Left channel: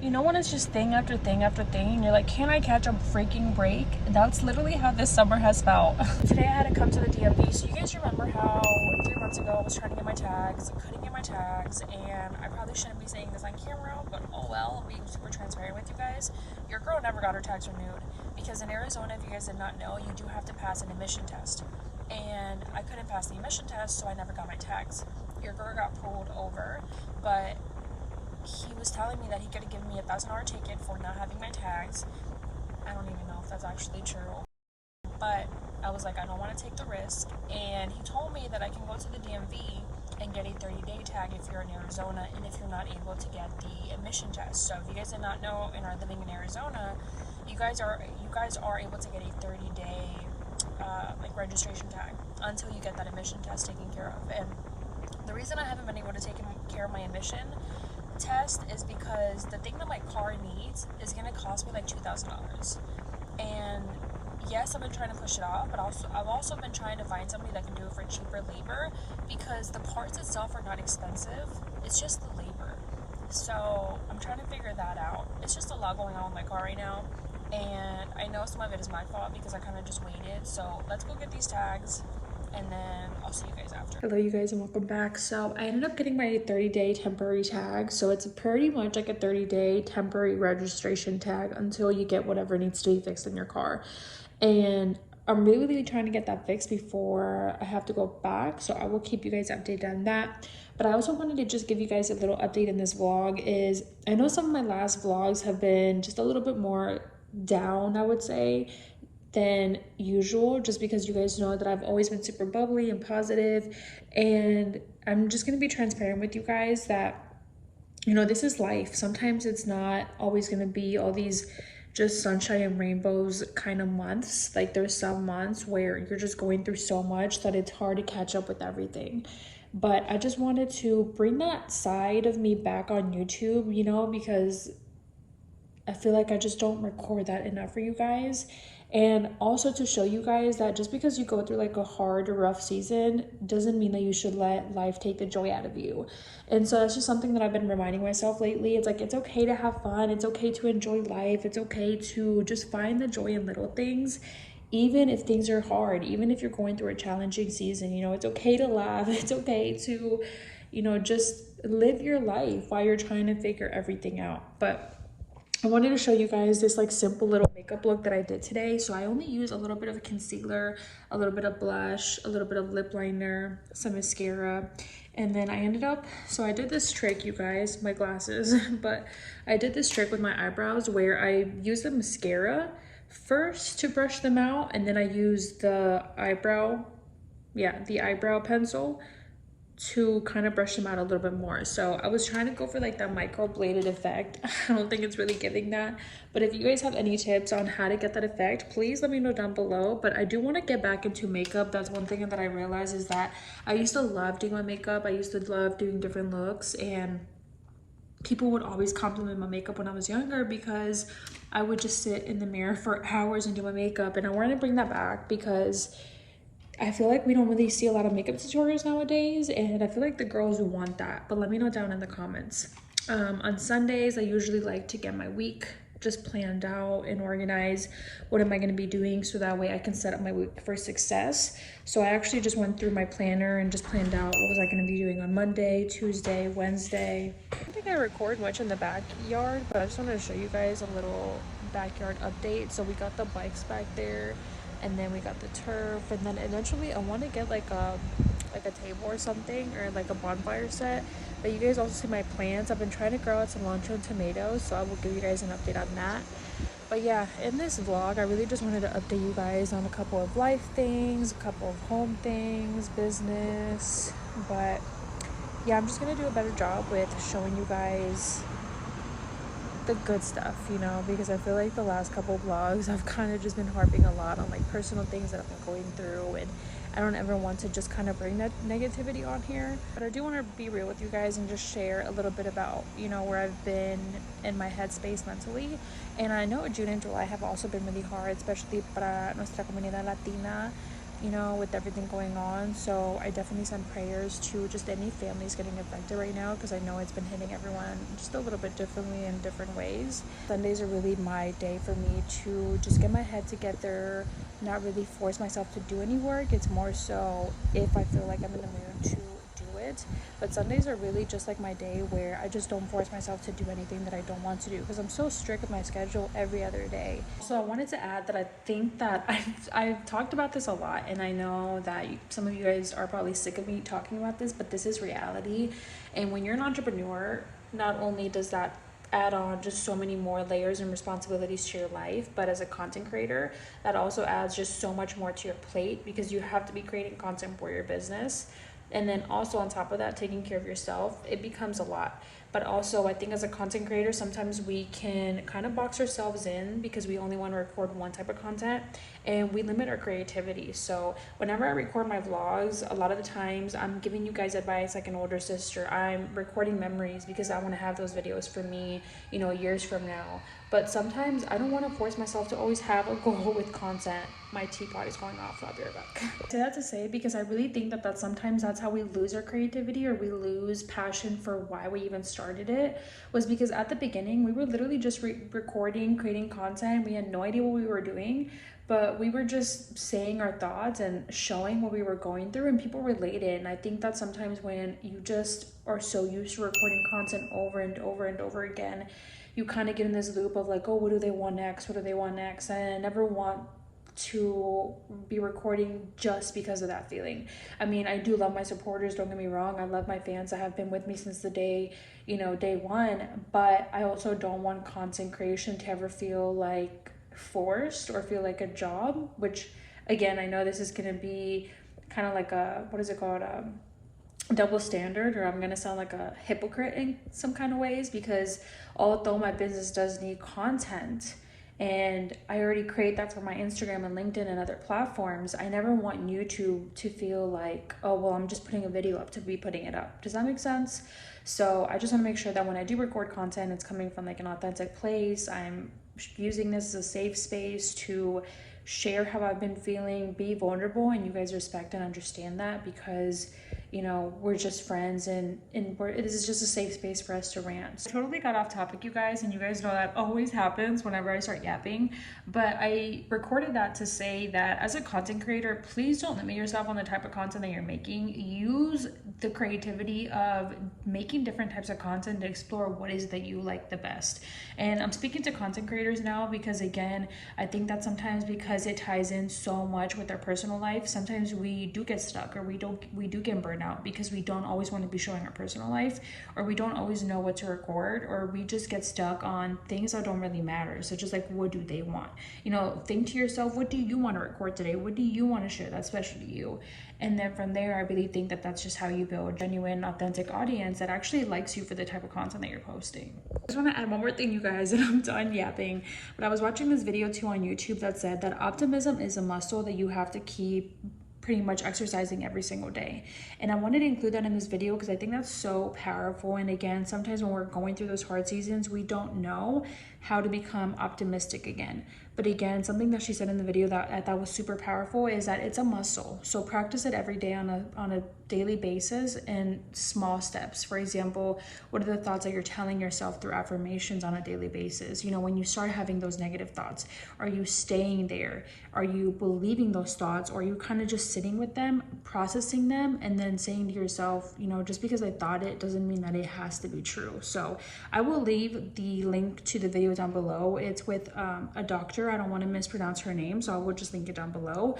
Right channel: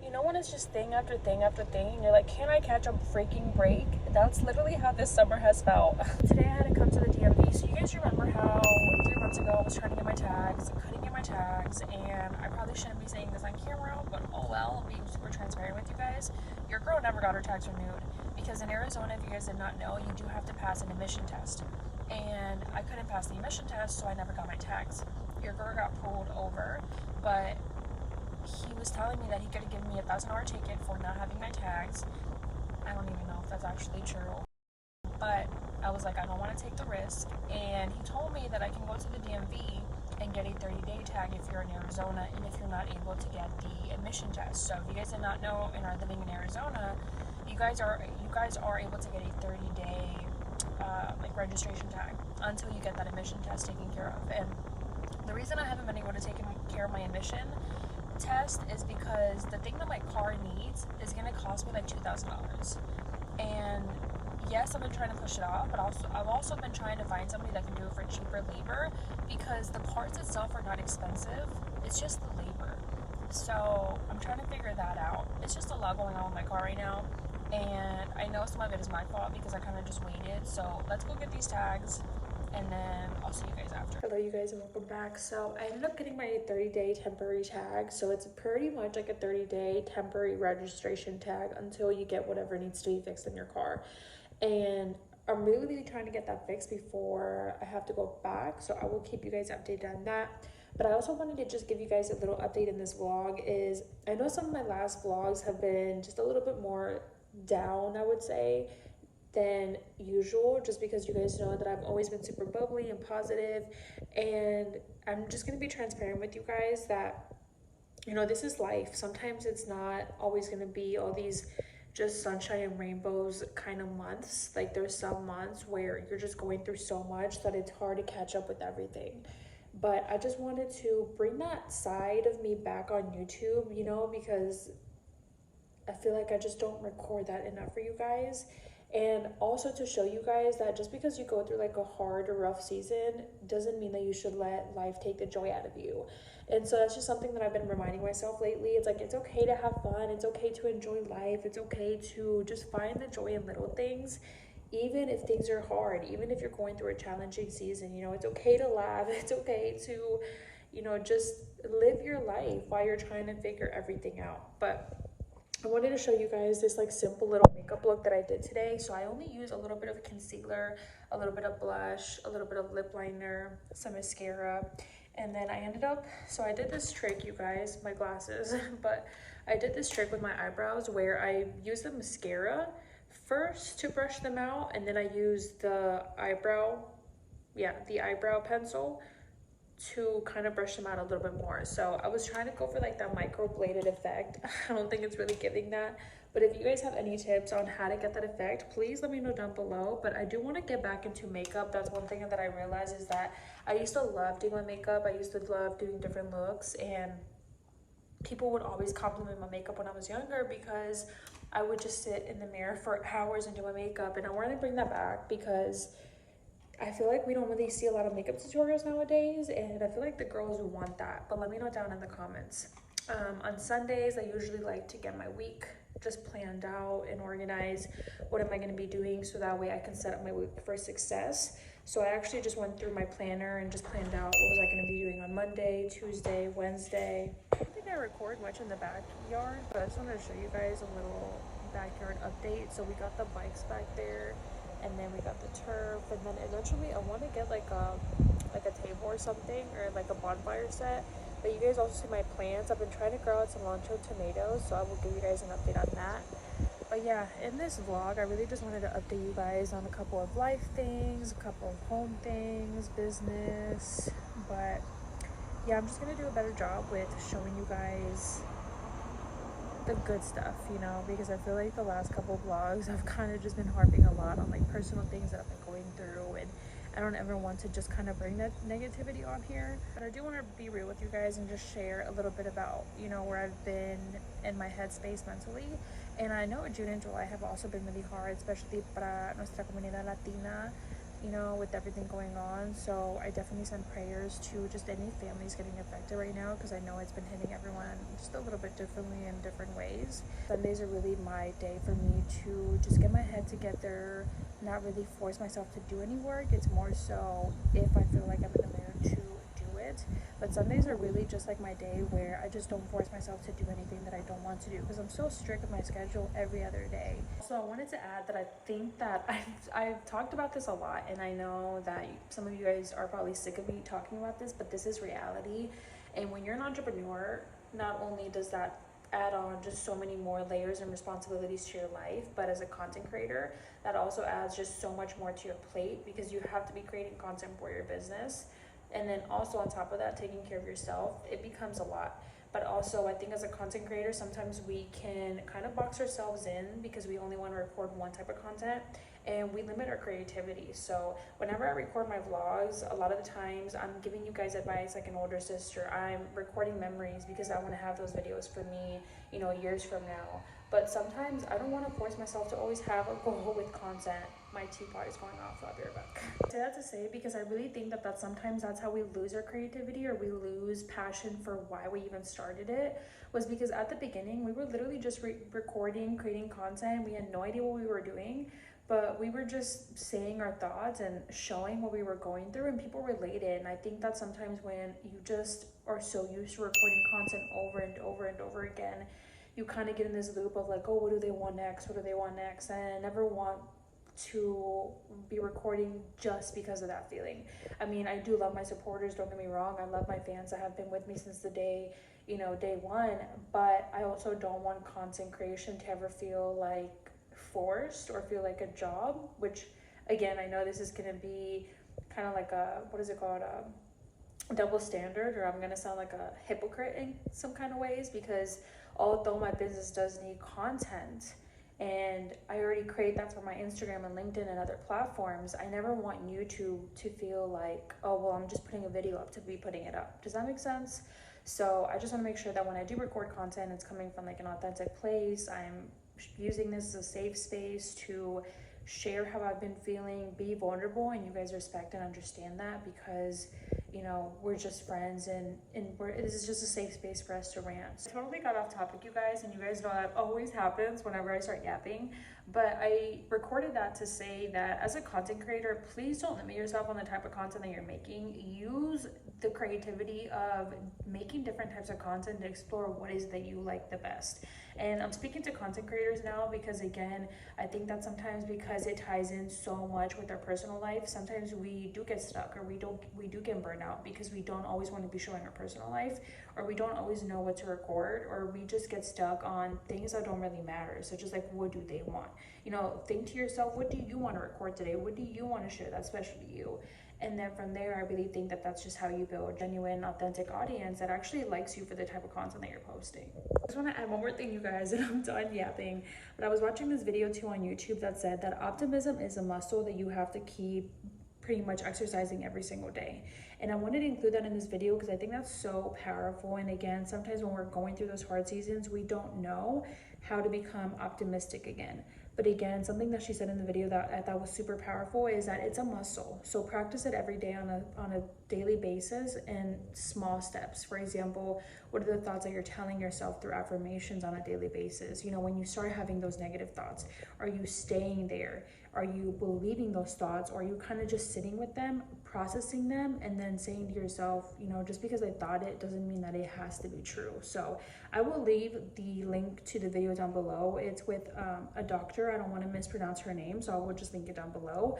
You know when it's just thing after thing after thing and you're like, can I catch a freaking break? That's literally how this summer has felt. Today I had to come to the DMV. So you guys remember how 3 months ago I was trying to get my tags, couldn't get my tags, and I probably shouldn't be saying this on camera, but oh well, I'm being super transparent with you guys. Your girl never got her tags renewed because in Arizona, if you guys did not know, you do have to pass an emission test. And I couldn't pass the emission test, so I never got my tags. Your girl got pulled over, but he was telling me that he could have given me $1,000 ticket for not having my tags. I don't even know if that's actually true, but I was like, I don't want to take the risk. And he told me that I can go to the DMV and get a 30-day tag if you're in Arizona and if you're not able to get the emission test. So if you guys did not know and are living in Arizona, you guys are able to get a 30-day like registration tag until you get that emission test taken care of. And the reason I haven't been able to take care of my emission test is because the thing that my car needs is going to cost me like $2,000. And yes, I've been trying to push it off, but I've also been trying to find somebody that can do it for cheaper labor because the parts itself are not expensive. It's just the labor. So I'm trying to figure that out. It's just a lot going on with my car right now, and I know some of it is my fault because I kind of just waited. So let's go get these tags and then I'll see you guys after. Hello you guys and welcome back. So I ended up getting my 30-day temporary tag. So it's pretty much like a 30-day temporary registration tag until you get whatever needs to be fixed in your car. And I'm really trying to get that fixed before I have to go back. So I will keep you guys updated on that. But I also wanted to just give you guys a little update in this vlog. Is I know some of my last vlogs have been just a little bit more down, I would say, than usual, just because you guys know that I've always been super bubbly and positive. And I'm just going to be transparent with you guys that, you know, this is life. Sometimes it's not always going to be all these just sunshine and rainbows kind of months. Like there's some months where you're just going through so much that it's hard to catch up with everything. But I just wanted to bring that side of me back on YouTube, you know, because I feel like I just don't record that enough for you guys. And also to show you guys that just because you go through like a hard or rough season doesn't mean that you should let life take the joy out of you. And so that's just something that I've been reminding myself lately. It's like, it's okay to have fun. It's okay to enjoy life. It's okay to just find the joy in little things, even if things are hard, even if you're going through a challenging season. You know, it's okay to laugh. It's okay to, you know, just live your life while you're trying to figure everything out. But I wanted to show you guys this like simple little makeup look that I did today. So I only use a little bit of concealer, a little bit of blush, a little bit of lip liner, some mascara, and then I ended up, so I did this trick, you guys, my glasses, but I did this trick with my eyebrows where I use the mascara first to brush them out, and then I use the eyebrow pencil to kind of brush them out a little bit more. So I was trying to go for like that micro bladed effect. I don't think it's really giving that, but if you guys have any tips on how to get that effect, please let me know down below. But I do want to get back into makeup. That's one thing that I realized, is that I used to love doing my makeup. I used to love doing different looks, and people would always compliment my makeup when I was younger because I would just sit in the mirror for hours and do my makeup. And I wanted to bring that back because I feel like we don't really see a lot of makeup tutorials nowadays, and I feel like the girls will want that. But let me know down in the comments. On Sundays, I usually like to get my week just planned out and organize. What am I going to be doing, so that way I can set up my week for success. So I actually just went through my planner and just planned out what was I going to be doing on Monday, Tuesday, Wednesday. I don't think I record much in the backyard, but I just wanted to show you guys a little backyard update. So we got the bikes back there, and then we got the turf, and then eventually I want to get like a table or something, or like a bonfire set. But you guys also see my plants. I've been trying to grow out cilantro and tomatoes, so I will give you guys an update on that. But yeah, in this vlog I really just wanted to update you guys on a couple of life things, a couple of home things, business. But yeah, I'm just gonna do a better job with showing you guys the good stuff, you know, because I feel like the last couple of vlogs I've kind of just been harping a lot on like personal things that I've been going through, and I don't ever want to just kind of bring that negativity on here. But I do want to be real with you guys and just share a little bit about, you know, where I've been in my headspace mentally. And I know June and July have also been really hard, especially para nuestra comunidad Latina, you know, with everything going on. So I definitely send prayers to just any families getting affected right now, because I know it's been hitting everyone just a little bit differently in different ways. Sundays are really my day for me to just get my head together, not really force myself to do any work. It's more so if I feel like I'm in the mood to do it. But Sundays are really just like my day where I just don't force myself to do anything that I don't want to do, because I'm so strict with my schedule every other day. So I wanted to add that I think that I've talked about this a lot, and I know that some of you guys are probably sick of me talking about this, but this is reality. And when you're an entrepreneur, not only does that add on just so many more layers and responsibilities to your life, but as a content creator, that also adds just so much more to your plate, because you have to be creating content for your business. And then also on top of that, taking care of yourself, it becomes a lot. But also, I think as a content creator, sometimes we can kind of box ourselves in because we only want to record one type of content, and we limit our creativity. So whenever I record my vlogs, a lot of the times I'm giving you guys advice like an older sister. I'm recording memories because I want to have those videos for me, you know, years from now. But sometimes I don't want to force myself to always have a goal with content. My teapot is going off. I'll be right back. I say that to say because I really think that sometimes that's how we lose our creativity, or we lose passion for why we even started it, was because at the beginning we were literally just recording, creating content. We had no idea what we were doing, but we were just saying our thoughts and showing what we were going through, and people related. And I think that sometimes when you just are so used to recording content over and over and over again, you kind of get in this loop of like, oh, what do they want next? What do they want next? And I never want to be recording just because of that feeling. I mean, I do love my supporters, don't get me wrong. I love my fans that have been with me since the day, you know, day one. But I also don't want content creation to ever feel like forced or feel like a job, which again, I know this is going to be kind of like a, what is it called? Double standard, or I'm gonna sound like a hypocrite in some kind of ways, because although my business does need content and I already create that for my Instagram and LinkedIn and other platforms, I never want YouTube to feel like, oh well, I'm just putting a video up to be putting it up. Does that make sense? So I just want to make sure that when I do record content, it's coming from like an authentic place. I'm using this as a safe space to share how I've been feeling, be vulnerable, and you guys respect and understand that, because you know, we're just friends, and this is just a safe space for us to rant. I totally got off topic, you guys, and you guys know that always happens whenever I start yapping. But I recorded that to say that as a content creator, please don't limit yourself on the type of content that you're making. Use the creativity of making different types of content to explore what is that you like the best. And I'm speaking to content creators now because, again, I think that sometimes because it ties in so much with our personal life, sometimes we do get stuck, or we do get burned out because we don't always want to be showing our personal life, or we don't always know what to record, or we just get stuck on things that don't really matter. So just like, what do they want? You know, think to yourself, what do you want to record today? What do you want to share that's special to you? And then from there, I really think that that's just how you build a genuine, authentic audience that actually likes you for the type of content that you're posting. I just want to add one more thing, you guys, and I'm done yapping. But I was watching this video too on YouTube that said that optimism is a muscle that you have to keep pretty much exercising every single day. And I wanted to include that in this video because I think that's so powerful. And again, sometimes when we're going through those hard seasons, we don't know how to become optimistic again. But again, something that she said in the video that I thought was super powerful is that it's a muscle. So practice it every day on a daily basis in small steps. For example, what are the thoughts that you're telling yourself through affirmations on a daily basis? You know, when you start having those negative thoughts, are you staying there? Are you believing those thoughts? Or are you kind of just sitting with them, processing them, and then saying to yourself, you know, just because I thought it doesn't mean that it has to be true. So I will leave the link to the video down below. It's with a doctor. I don't want to mispronounce her name, so I will just link it down below.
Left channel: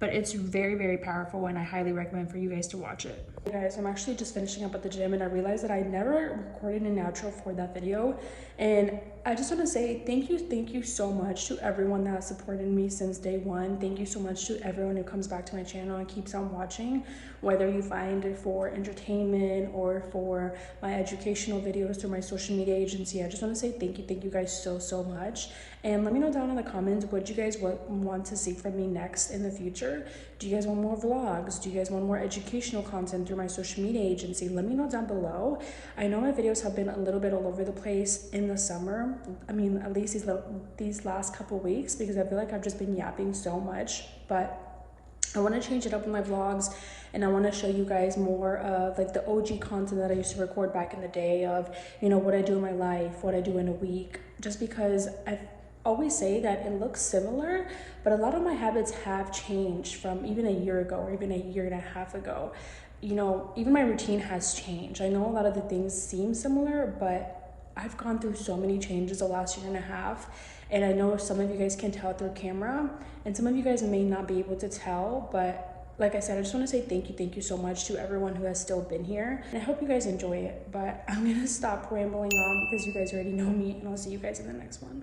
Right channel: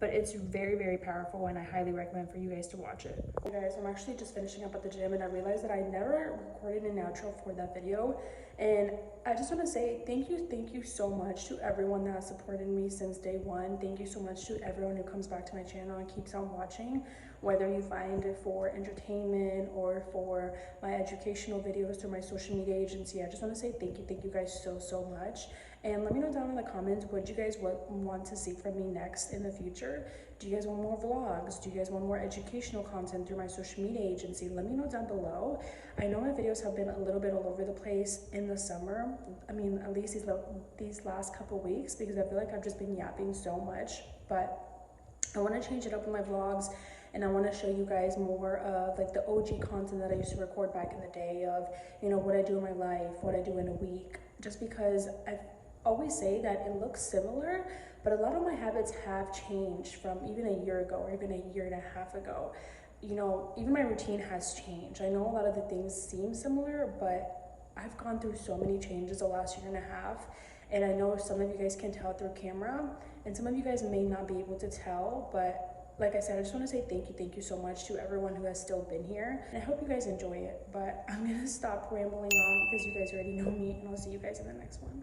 But it's very, very powerful, and I highly recommend for you guys to watch it. Hey guys, I'm actually just finishing up at the gym, and I realized that I never recorded an outro for that video. And I just want to say thank you so much to everyone that has supported me since day one. Thank you so much to everyone who comes back to my channel and keeps on watching, whether you find it for entertainment or for my educational videos through my social media agency. I just want to say thank you guys so much. And let me know down in the comments what you guys want to see from me next in the future. Do you guys want more vlogs? Do you guys want more educational content through my social media agency? Let me know down below. I know my videos have been a little bit all over the place in the summer. I mean, at least these last couple weeks, because I feel like I've just been yapping so much. But I want to change it up in my vlogs, and I want to show you guys more of like the OG content that I used to record back in the day of, you know, what I do in my life, what I do in a week, just because I always say that it looks similar, but a lot of my habits have changed from even a year ago or even a year and a half ago. You know, even my routine has changed. I know a lot of the things seem similar, but I've gone through so many changes the last year and a half, and I know some of you guys can tell through camera, and some of you guys may not be able to tell, but like I said, I just want to say thank you so much to everyone who has still been here, and I hope you guys enjoy it. But I'm gonna stop rambling on because you guys already know me, and I'll see you guys in the next one.